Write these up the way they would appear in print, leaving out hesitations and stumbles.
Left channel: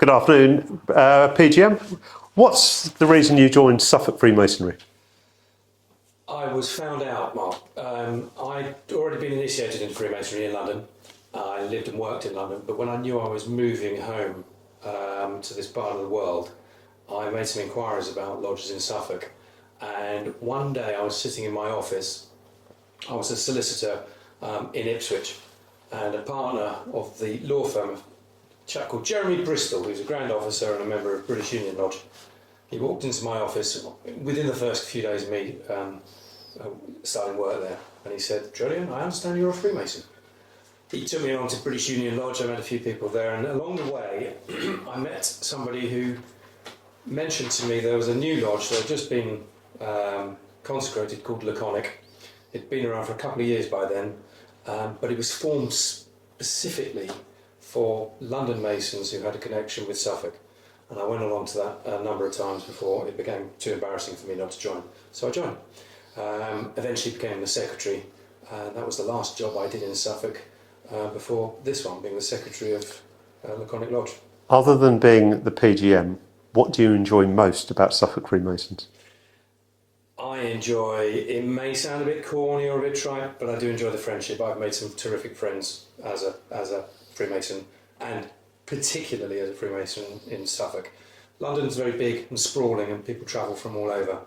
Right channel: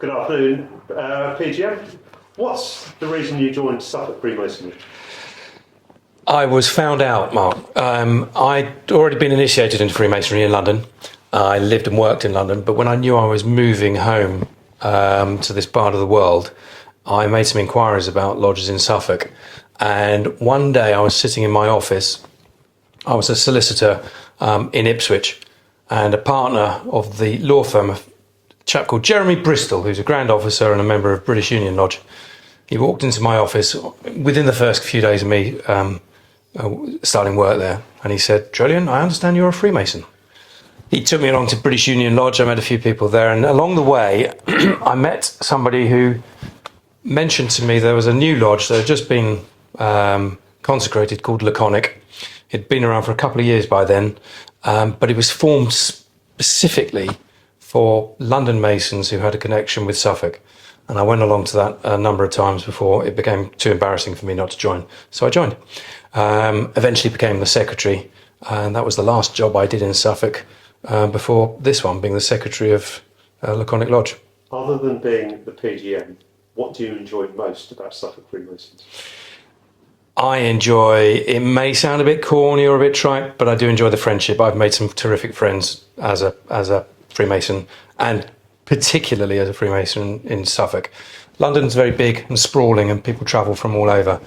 Good afternoon, PGM. What's the reason you joined Suffolk Freemasonry? I was found out, Mark. I'd already been initiated into Freemasonry in London. I lived and worked in London, but when I knew I was moving home to this part of the world, I made some inquiries about lodges in Suffolk. And one day I was sitting in my office. I was a solicitor in Ipswich, and a partner of the law firm, a chap called Jeremy Bristol, who's a Grand Officer and a member of British Union Lodge. He walked into my office within the first few days of me starting work there, and he said, "Julian, I understand you're a Freemason." He took me along to British Union Lodge. I met a few people there, and along the way I met somebody who mentioned to me there was a new lodge that had just been consecrated called Laconic. It'd been around for a couple of years by then, but it was formed specifically for London Masons who had a connection with Suffolk. And I went along to that a number of times before it became too embarrassing for me not to join. So I joined. Eventually became the secretary, and that was the last job I did in Suffolk before this one, being the secretary of Laconic Lodge. Other than being the PGM, what do you enjoy most about Suffolk Freemasons? I enjoy, it may sound a bit corny or a bit trite, but I do enjoy the friendship. I've made some terrific friends as a Freemason, and particularly as a Freemason in Suffolk. London's very big and sprawling and people travel from all over.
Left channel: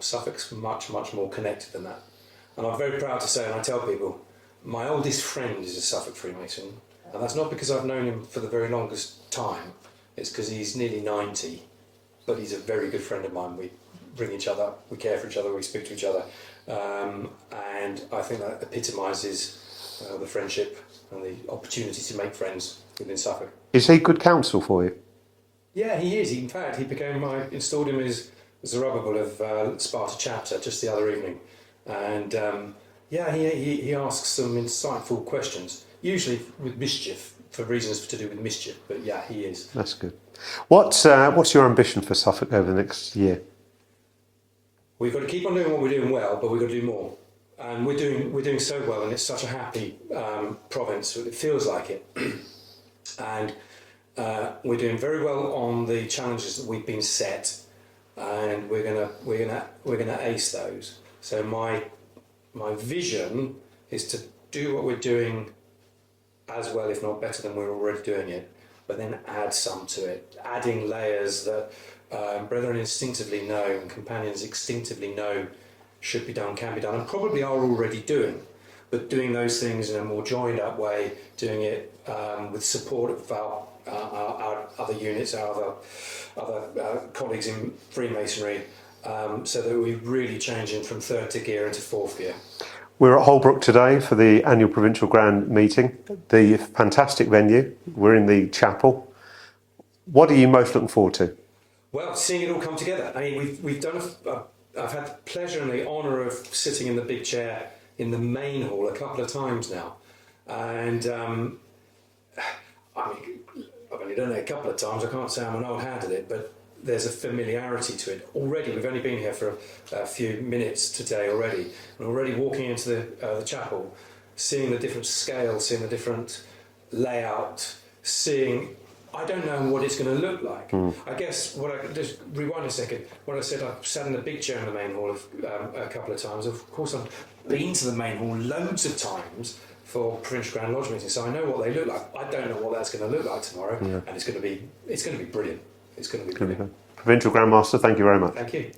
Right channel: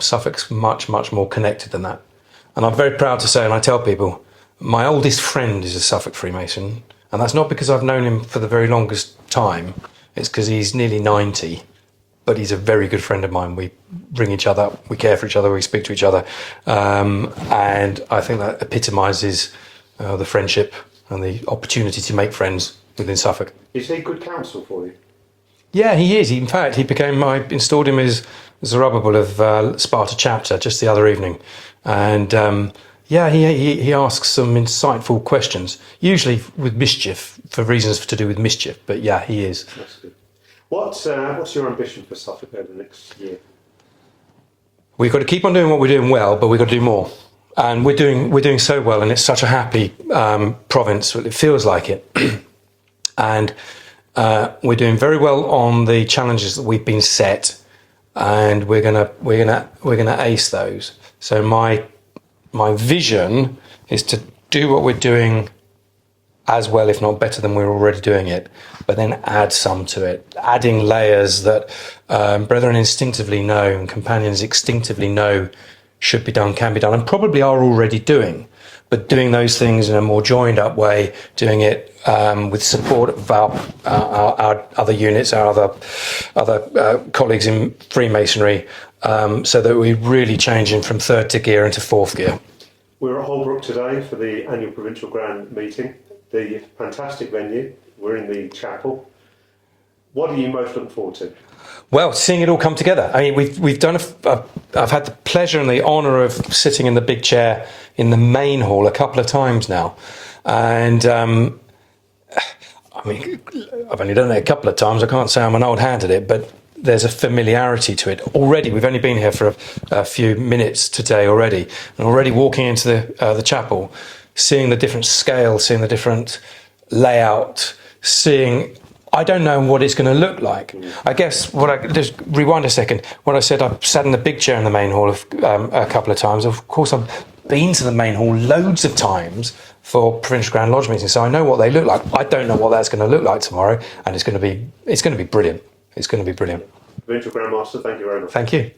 Suffolk's much, much more connected than that. And I'm very proud to say, and I tell people, my oldest friend is a Suffolk Freemason, and that's not because I've known him for the very longest time, it's because he's nearly 90, but he's a very good friend of mine. We ring each other up, we care for each other, we speak to each other, and I think that epitomises the friendship and the opportunity to make friends within Suffolk. Is he good counsel for you? Yeah, he is. In fact, I installed him as Zerubbabel of Sparta chapter just the other evening. And he asks some insightful questions, usually with mischief, for reasons to do with mischief. But yeah, he is. That's good. What's your ambition for Suffolk over the next year? We've got to keep on doing what we're doing well, but we've got to do more. And we're doing so well, and it's such a happy province. It feels like it. And we're doing very well on the challenges that we've been set, and we're gonna ace those. So my vision is to do what we're doing as well, if not better than we're already doing it, but then add some to it, adding layers that brethren instinctively know and companions instinctively know should be done, can be done, and probably are already doing, but doing those things in a more joined up way, doing it with support of our other units, our other colleagues in Freemasonry, so that we're really changing from third gear into fourth gear. We're at Holbrook today for the annual Provincial Grand meeting, the fantastic venue. We're in the chapel. What are you most looking forward to? Well, seeing it all come together. I mean, we've done. I've had the pleasure and the honour of sitting in the big chair in the main hall a couple of times now, and I mean, I've only done it a couple of times. I can't say I'm an old hand at it, but there's a familiarity to it already. We've only been here for a few minutes today already, and already walking into the chapel, seeing the different scale, seeing the different layout, seeing. I don't know what it's going to look like. I guess just rewind a second. When I said I sat in the big chair in the main hall a couple of times, of course I've been to the main hall loads of times for Provincial Grand Lodge meetings, so I know what they look like. I don't know what that's going to look like tomorrow, and it's going to be brilliant. It's going to be brilliant. Provincial Grand Master, thank you very much. Thank you.